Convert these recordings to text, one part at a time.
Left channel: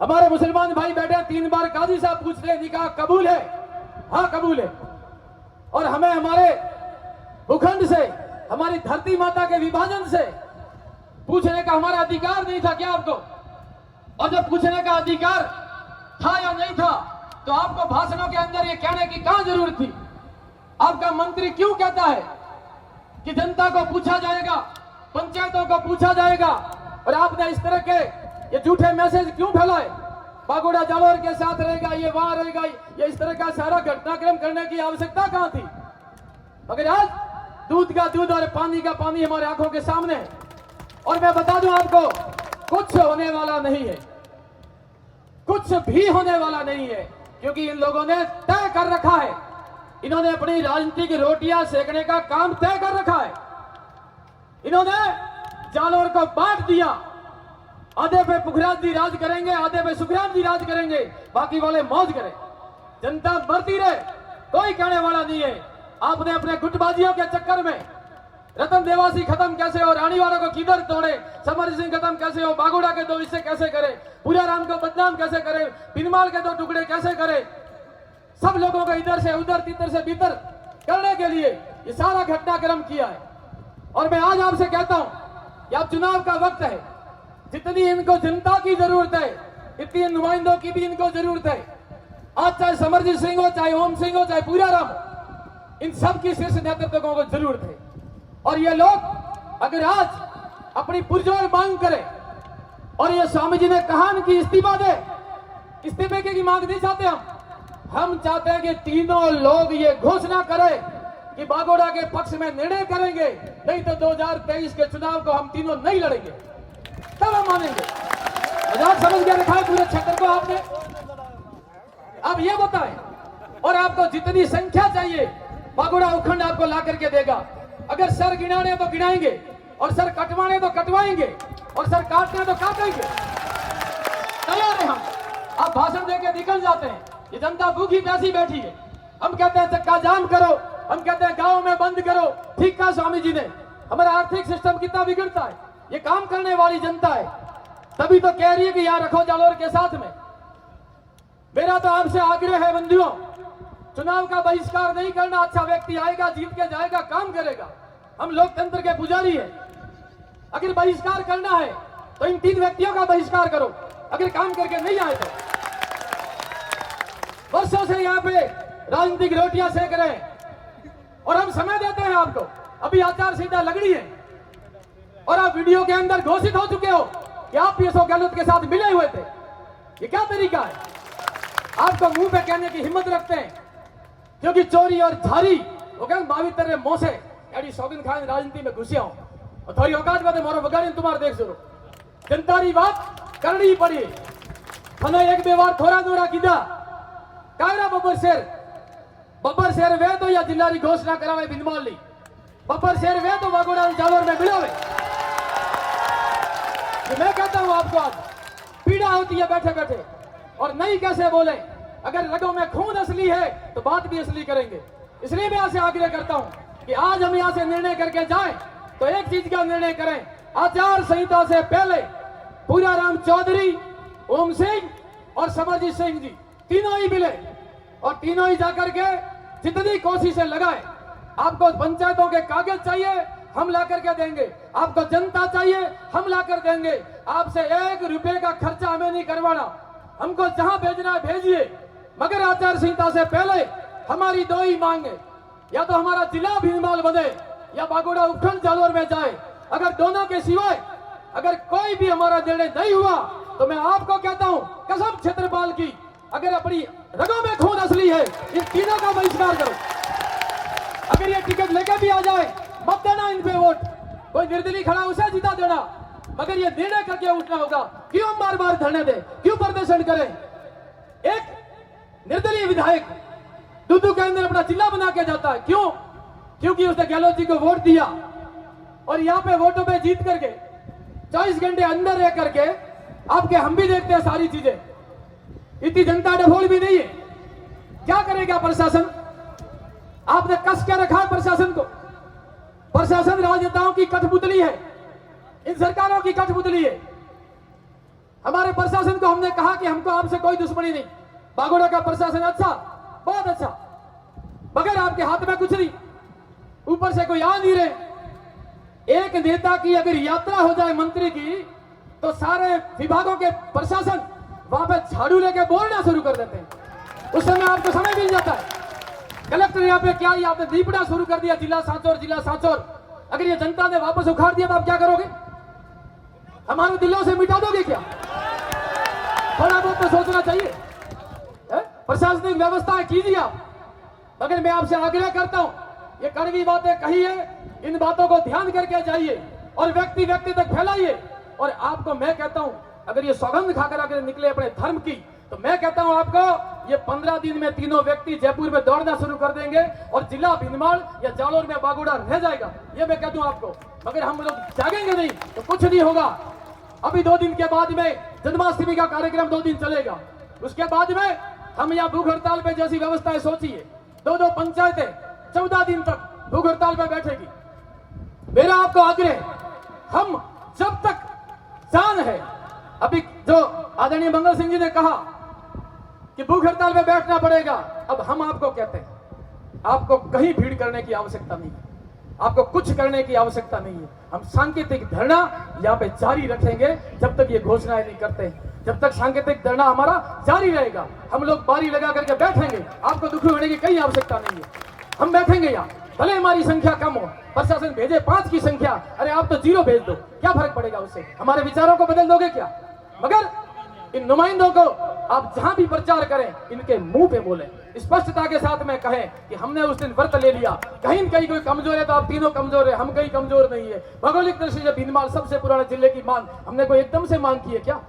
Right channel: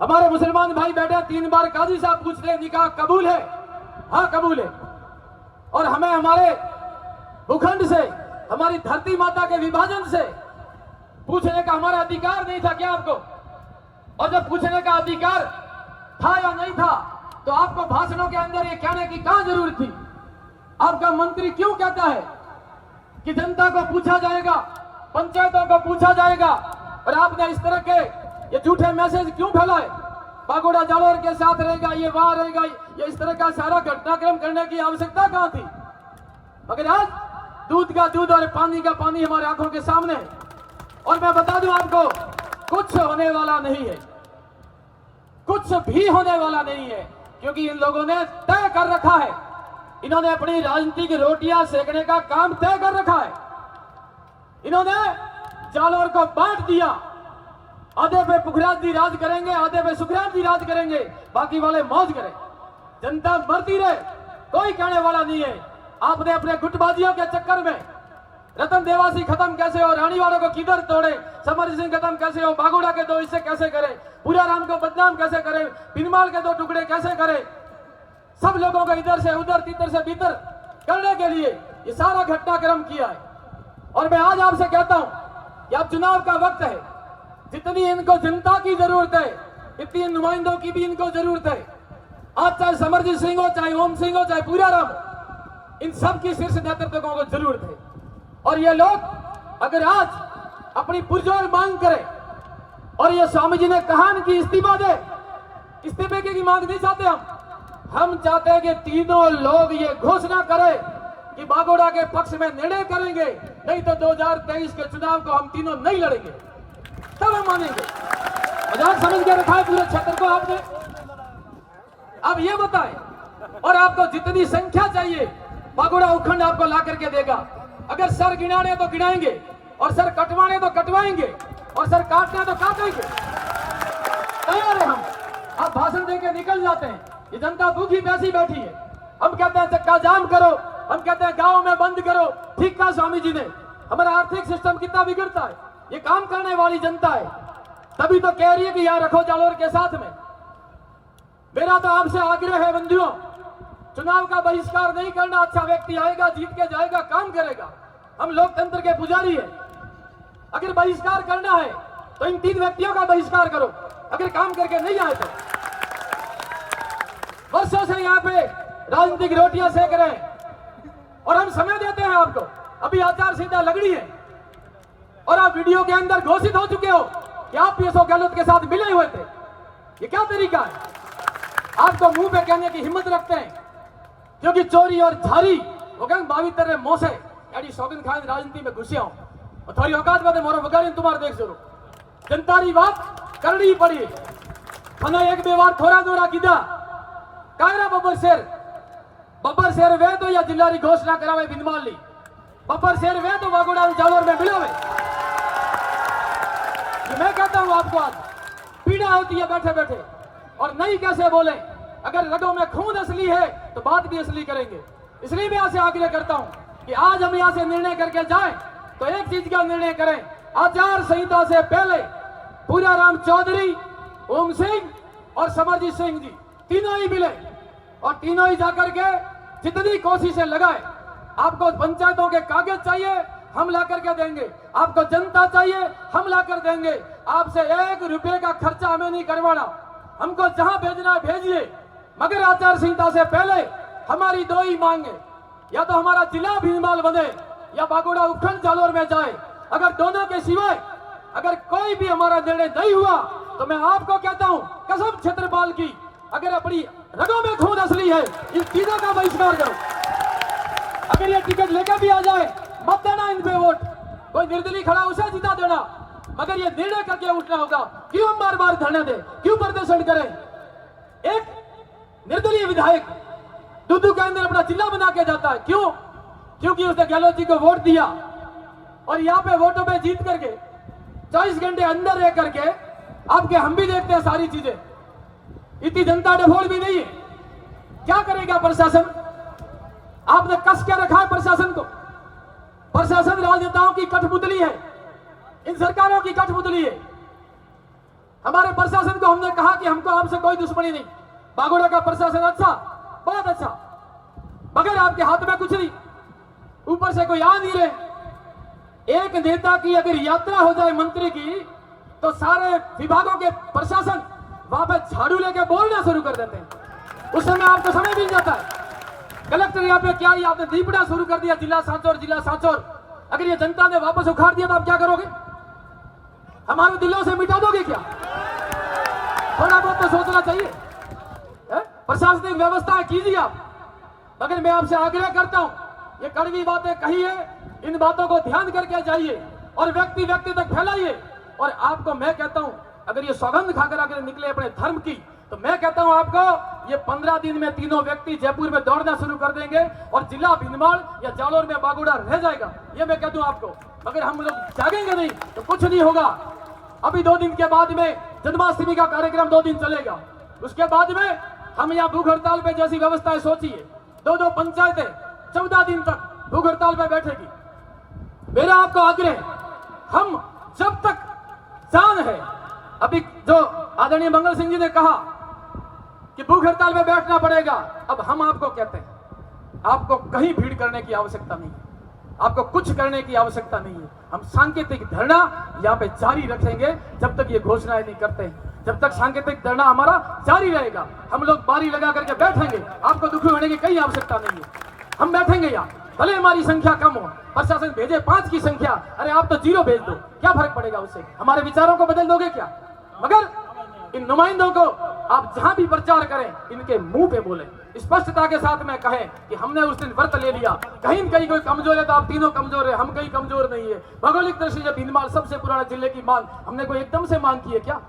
हमारे मुसलमान भाई बैठे 3 बार काजी साहब पूछ रहे, निकाह कबूल है? हाँ कबूल है। और हमें हमारे भूखंड से, हमारी धरती माता के विभाजन से पूछने का हमारा अधिकार नहीं था क्या आपको? और जब पूछने का अधिकार था या नहीं था तो आपको भाषणों के अंदर ये कहने की क्या जरूरत थी? आपका मंत्री क्यों कहता है कि जनता को पूछा जाएगा, पंचायतों को पूछा जाएगा, और आपने इस तरह के ये झूठे मैसेज क्यों फैलाए? बागोड़ा जालोर के साथ रहेगा, ये वहां रहेगा, ये इस तरह का सारा घटनाक्रम करने की आवश्यकता कहां थी? मगर आज दूध का दूध और पानी का पानी हमारे आंखों के सामने है। और मैं बता दूं आपको, कुछ होने वाला नहीं है, कुछ भी होने वाला नहीं है, क्योंकि इन लोगों ने तय कर रखा है, इन्होंने अपनी राजनीतिक रोटियां सेकने का काम तय कर रखा है। इन्होंने जालोर को बांट दिया, आधे पे पुखराज जी राज करेंगे, आधे पे सुखराज जी राज करेंगे, बाकी वाले मौज करें, जनता मरती रहे, कोई कहने वाला नहीं है। आपने अपने गुटबाजियों के चक्कर में रतन देवासी खत्म कैसे हो, रानीवाला को किधर तोड़े, समर सिंह खत्म कैसे हो, बागोड़ा के 2 हिस्से कैसे करे, पूरा राम को बदनाम कैसे करे, बिनमाल के 2 टुकड़े कैसे करे, सब लोगों को इधर से उधर, तितर से भीतर करने के लिए ये सारा घटनाक्रम किया है। और मैं आज आपसे कहता हूं कि अब चुनाव का वक्त है, जितनी इनको जनता की जरूरत है इतनी नुमाइंदों की भी इनको जरूरत है। आज चाहे समरजीत सिंह हो, चाहे ओम सिंह हो, चाहे पूरा राम, इन सब की शीर्ष नेतृत्व को जरूरत है। और ये लोग अगर आज अपनी पुरजोर मांग करें और ये स्वामी जी ने कहा कि इस्तीफा दे, इस्तीफे की मांग नहीं चाहते हम चाहते हैं कि तीनों लोग ये घोषणा करें कि बागोड़ा के पक्ष में निर्णय करेंगे, नहीं तो 2023 के चुनाव को हम तीनों नहीं लड़ेंगे, तब हम मानेंगे। मजाक समझ के रखा है पूरे क्षेत्र को आपने। अब ये बताएं, और आपको जितनी संख्या चाहिए बागोड़ा उपखंड आपको ला करके देगा। अगर सर गिनाने तो गिनाएंगे, और सर कटवाने तो कटवाएंगे, और सर काटने तो काटेंगे, तैयार है हम। आप भाषण देके निकल जाते हैं, ये जनता भूखी प्यासी बैठी है। हम कहते हैं चक्का जाम करो, हम कहते हैं गांव में बंद करो। ठीक कहा स्वामी जी ने, हमारा आर्थिक सिस्टम कितना बिगड़ता है, ये काम करने वाली जनता है, तभी तो कह रही है कि यहां रखो जालोर के साथ में। मेरा तो आपसे आग्रह है बंधुओं, चुनाव का बहिष्कार नहीं करना। अच्छा व्यक्ति आएगा, जीत के जाएगा, काम करेगा, हम लोकतंत्र के पुजारी है। अगर बहिष्कार करना है तो इन 3 व्यक्तियों का बहिष्कार करो, अगर काम करके नहीं आए तो। वर्षों से यहाँ पे राजनीतिक रोटियां सेक रहे हैं, और हम समय देते हैं आपको। अभी आचार संहिता लग रही है, और आप वीडियो के अंदर घोषित हो चुके हो कि आप पीएसओ गहलोत के साथ मिले हुए थे। ये क्या तरीका है? आपको मुंह पे कहने की हिम्मत रखते हैं, क्योंकि चोरी और झारी वो कहते बावितर रे मोसे एडी सौगंध खान राजनीति में घुसिया हूं, और थोड़ी औकात में मारो बगाड़ी तुम्हारे देख जरूर जनतारी बात करनी पड़ी। मनो एक बे बार थोड़ा थोड़ा कीधा कायरा बब्बर शेर वे तो या जिल्लारी घोषणा करावे बिनमाल ली, बब्बर शेर वे तो बागोड़ा जालोर में मिलावे। मैं कहता हूं आपको, आज पीड़ा होती है बैठे बैठे, और नहीं कैसे बोले। अगर रगों में खून असली है तो बात भी असली करेंगे। इसलिए मैं आपसे आग्रह करता हूं कि आज हम यहां से निर्णय करके जाएं तो एक चीज का निर्णय करें, आचार संहिता से पहले पूरा राम चौधरी, ओम सिंह और समरजीत सिंह जी तीनों ही मिले, और तीनों ही जाकर के जितनी कोशिशें लगाए। आपको पंचायतों के कागज चाहिए, हम ला करके देंगे। आपको जनता चाहिए, हम ला कर देंगे। आपसे 1 रुपए का खर्चा हमें नहीं करवाना, हमको जहां भेजना है भेजिए, मगर आचार संहिता से पहले हमारी 2 ही मांगे, या तो हमारा जिला भीनमाल बने या बागोड़ा उपखंड जालोर में जाए। अगर दोनों के सिवाय अगर कोई भी हमारा निर्णय नहीं हुआ तो मैं आपको कहता हूं कसम क्षेत्रपाल की, अगर अपनी रगों में खून असली है इन तीनों का बहिष्कार करो। अगर ये टिकट लेके भी आ जाए मत देना इन पे वोट, कोई निर्दलीय खड़ा उसे जिता देना, मगर ये निर्णय करके उठना होगा। क्यों हम बार बार धरने दें, क्यों प्रदर्शन करें? एक निर्दलीय विधायक दूधू के अंदर अपना जिला बना के जाता है, क्यों? क्योंकि उसने गहलोत जी को वोट दिया, और यहाँ पे वोटों पे जीत करके 24 घंटे अंदर रह करके आपके हम भी देखते हैं सारी चीजें। इतनी जनता डफोल भी नहीं है, क्या करेगा प्रशासन? आपने कस के रखा है प्रशासन को। प्रशासन राजनेताओं की कठपुतली है, इन सरकारों की कठपुतली है। हमारे प्रशासन को हमने कहा बाकी हमको आपसे कोई दुश्मनी नहीं। बागोड़ा का प्रशासन अच्छा, बहुत अच्छा, बगैर आपके हाथ में कुछ नहीं, ऊपर से कोई आ नहीं रहे। एक नेता की अगर यात्रा हो जाए मंत्री की, तो सारे विभागों के प्रशासन वहां पे झाड़ू लेके बोलना शुरू कर देते हैं। उस समय आपको समय मिल जाता है। कलेक्टर यहाँ पे क्या, आपने दीपड़ा शुरू कर दिया, जिला सांचौर, जिला सांचौर। अगर ये जनता ने वापस उखाड़ दिया तो आप क्या करोगे? हमारे दिलों से मिटा दोगे क्या? थोड़ा बहुत तो सोचना चाहिए। प्रशासनिक व्यवस्था कीजिए आप। मगर मैं आपसे आग्रह करता हूं, ये कड़वी बातें कही है, इन बातों को ध्यान करके जाइए और व्यक्ति व्यक्ति तक फैलाइए। और आपको मैं कहता हूं, अगर ये सौगंध खाकर अगर निकले अपने धर्म की, तो मैं कहता हूं आपको, ये 15 दिन में तीनों व्यक्ति जयपुर में दौड़ना शुरू कर देंगे और जिला भिनमाल या जालोर में बागुड़ा रह जाएगा। ये मैं कह दूं आपको। मगर हम लोग जागेंगे नहीं तो कुछ नहीं होगा। अभी 2 दिन के बाद में जन्माष्टमी का कार्यक्रम 2 दिन चलेगा। उसके बाद में हम यहाँ भूख हड़ताल पे जैसी व्यवस्थाएं सोचिए, 2 पंचायतें 14 दिन तक भूख हड़ताल पे बैठेगी। मेरा आपको आग्रह, हम जब तक जान है, अभी जो आदरणीय मंगल सिंह जी ने कहा कि भूख हड़ताल पे बैठना पड़ेगा, अब हम आपको कहते हैं, आपको कहीं भीड़ करने की आवश्यकता नहीं है, आपको कुछ करने की आवश्यकता नहीं है। हम सांकेतिक धरना यहाँ पे जारी रखेंगे जब तक ये घोषणाएं नहीं करते हैं। जब तक सांकेतिक धरना हमारा जारी रहेगा, हम लोग बारी लगा करके बैठेंगे। आपको दुखी होने की कहीं आवश्यकता नहीं है। हम बैठेंगे यहाँ, भले हमारी संख्या कम हो, प्रशासन भेजे 5 की संख्या, अरे आप तो 0 भेज दो, क्या फर्क पड़ेगा उससे? हमारे विचारों को बदल दोगे क्या? मगर इन नुमाइंदों को आप जहां भी प्रचार करें, इनके मुंह पे बोले, स्पष्टता के साथ में कहें कि हमने उस दिन व्रत ले लिया। कहीं कहीं कोई कमजोर है तो आप तीनों कमजोर है, हम कहीं कमजोर नहीं है। भौगोलिक दृष्टि से भीनमाल सबसे पुराने जिले की मांग, हमने कोई एकदम से मांग की है क्या?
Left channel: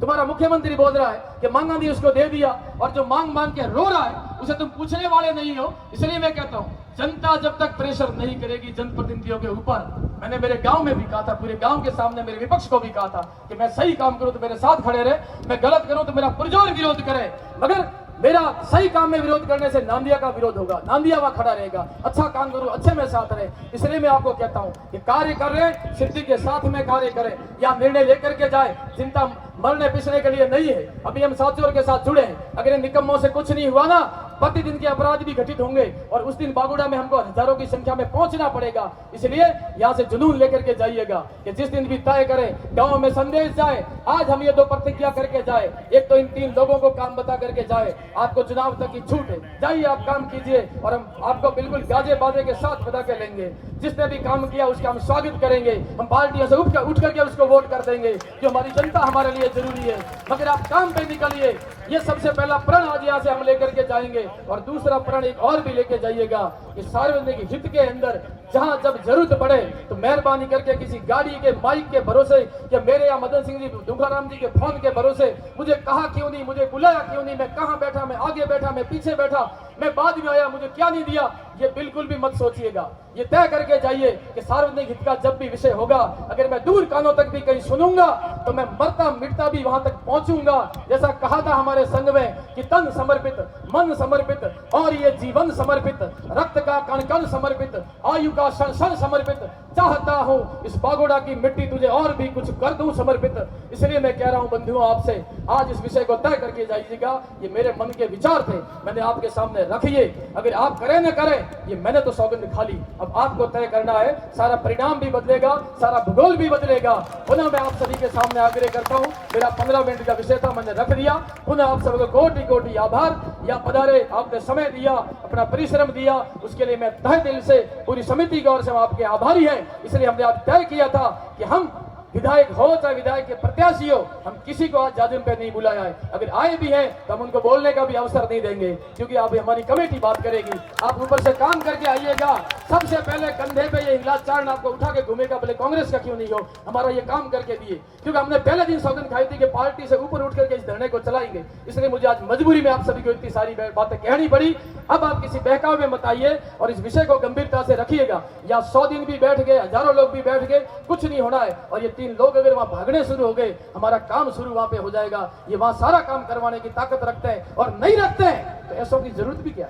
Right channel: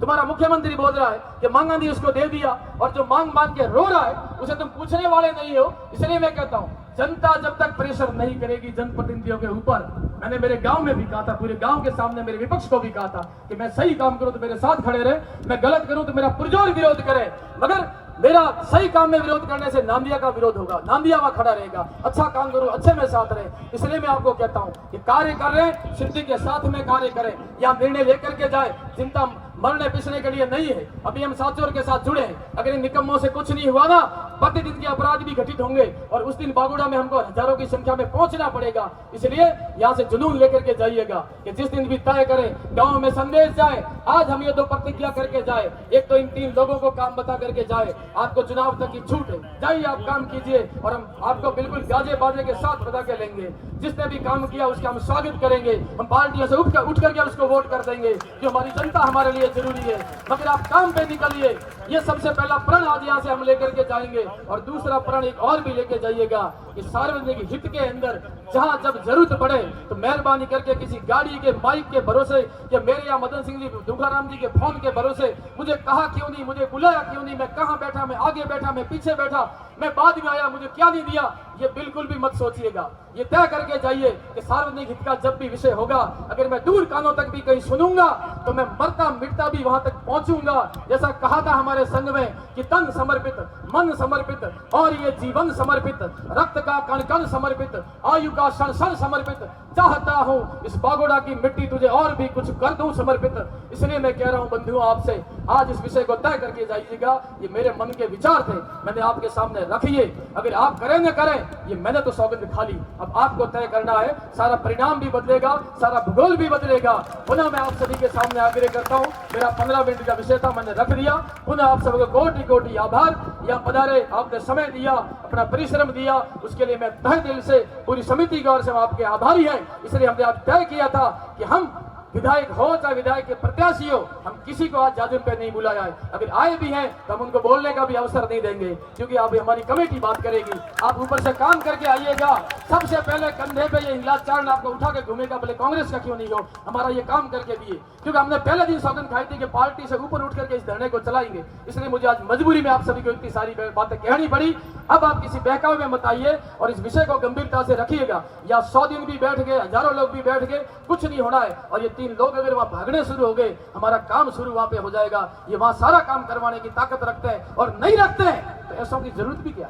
तुम्हारा मुख्यमंत्री बोल रहा है कि मांगा दी उसको दे दिया, और जो मांग मांग के रो रहा है उसे तुम पूछने वाले नहीं हो। इसलिए मैं कहता हूं, जनता जब तक प्रेशर नहीं करेगी जनप्रतिनिधियों के ऊपर, मैंने मेरे गांव में भी कहा था, पूरे गांव के सामने मेरे विपक्ष को भी कहा था कि मैं सही काम करूं तो मेरे साथ खड़े रहे, मैं गलत करूं तो मेरा पुरजोर विरोध करे। मगर मेरा सही काम में विरोध करने से नांदिया का विरोध होगा, नांदिया वहां खड़ा रहेगा। अच्छा काम करूं, अच्छे में साथ रहे। इसलिए मैं आपको कहता हूं कि कार्य कर रहे, सिद्धि के साथ में कार्य करें, या निर्णय लेकर के जाए। चिंता मरने पिसने के लिए नहीं है। अभी हम सांचौर के साथ जुड़े हैं। अगर इन निकम्मों से कुछ नहीं हुआ ना, प्रतिदिन के अपराध भी घटित होंगे और उस दिन बागुड़ा में हमको हजारों की संख्या में पहुंचना पड़ेगा। इसलिए यहाँ से जुनून लेकर के जाइएगा कि जिस दिन भी तय करें, गांव में संदेश जाए। आज हम ये 2 प्रतिज्ञा करके जाए, एक तो इन 3 लोगों को काम बता करके जाए, आपको चुनाव तक की छूट है, जाइए आप काम कीजिए और हम आपको बिल्कुल गाजे बाजे के साथ बता के लेंगे। जिसने भी काम किया उसका हम स्वागत करेंगे, हम पार्टियों से उठ करके उसको वोट कर देंगे। जो हमारी जनता हमारे लिए जरूरी है। मगर आप काम पे निकलिए, ये सबसे पहला प्रण आज यहाँ से हम लेकर के जाएंगे। और दूसरा प्रण एक और भी लेके जाइएगा कि सार्वजनिक हित के अंदर जहां जब जरूरत पड़े तो मेहरबानी करके किसी गाड़ी के माइक के भरोसे या मेरे या मदन सिंह जी दुखाराम जी के फोन के भरोसे मुझे कहा क्यों नहीं, मुझे बुलाया क्यों नहीं, मैं कहां बैठा, मैं आगे बैठा, मैं पीछे बैठा, मैं बाद में आया, मुझे क्या नहीं दिया, ये बिल्कुल भी मत सोचिएगा। ये तय करके जाइए कि सार्वजनिक हित का जब भी विषय होगा, अगर मैं दूर कानों तक भी कहीं सुनूंगा तो मैं मरता मिटता भी वहां तक पहुंचूंगा। जैसा कहा था हमारे संघ में कि तन समर्पित, मन समर्पित और ये जीवन समर्पित, रक्त का कण कण समर्पित, आयु का क्षण क्षण समर्पित, चाहता हूं इस बागुड़ा की मिट्टी तुझे और भी कुछ कर दूं समर्पित। इसलिए मैं कह रहा हूं बंधुओं आपसे, आज इस विषय को तय करके जाइएगा। ये मेरे मन के विचार थे, मैंने आपके सामने रखिए। अगर आप करें न करें, ये मैंने तो सौगंध खा ली, अब आपको तय करना है। सारा परिणाम भी बदलेगा, सारा भूगोल भी बदलेगा। पुनः मैं आप सभी के सामने आग्रह करता हूं, मेरा 15 मिनट का विषय था, मैंने रख दिया। पुनः आप सबको कोटि कोटि आभार। यहाँ पधारे, आपने समय दिया, अपना परिश्रम दिया, उसके लिए मैं तहे दिल से पूरी समिति की ओर से आपके आभारी है। इसलिए हमने आप तय किया था कि हम विधायक हो चाहे विधायक के प्रत्याशी हो, हम किसी को आज जाजिम पे नहीं बुलाया है। अगर आए भी हैं तो हम उनको बोलने का भी अवसर नहीं देंगे, क्योंकि अब हमारी कमेटी बात करेगी। आप ऊपर से काम करके आइएगा। सबसे पहले कंधे पे ये हिलाचारण आपको उठा के घूमेगा, भले कांग्रेस का क्यों नहीं हो, हमारा ये काम करके दिए। क्योंकि हमने पहले दिन सौगंध खाई थी कि पार्टी से ऊपर उठ करके इस धरने को चलाएंगे। इसलिए मुझे आज मजबूरी में आप सभी को इतनी सारी बातें कहनी पड़ी। अब आप किसी बहकावे में मत आइए और इस विषय को गंभीरता से रखिएगा। या 100 दिन भी बैठ गए, हजारों लोग भी बैठ गए, कुछ नहीं होना है। और ये 3 लोग अगर वहां भागने शुरू हो गए, हमारा काम शुरू वहां पे हो जाएगा। ये वहां सारा काम करवाने की ताकत रखते हैं, और नहीं रखते हैं तो ऐसों की जरूरत भी क्या,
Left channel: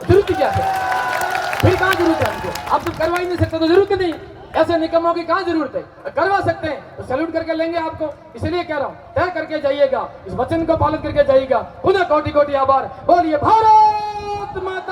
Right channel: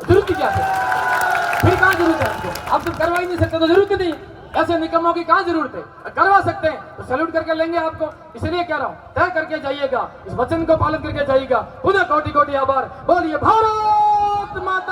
जरूरत भी क्या, फिर कहां जरूरत है? आप जब करवा ही नहीं सकते तो जरूरत नहीं। ऐसे निकम्मों की कहां जरूरत है। करवा सकते हैं तो सैल्यूट करके लेंगे आपको। इसलिए कह रहा हूं, तय करके जाइएगा, इस वचन को पालन करके जाइएगा। खुदा कोटि कोटि आभार। बोलिए भारत माता।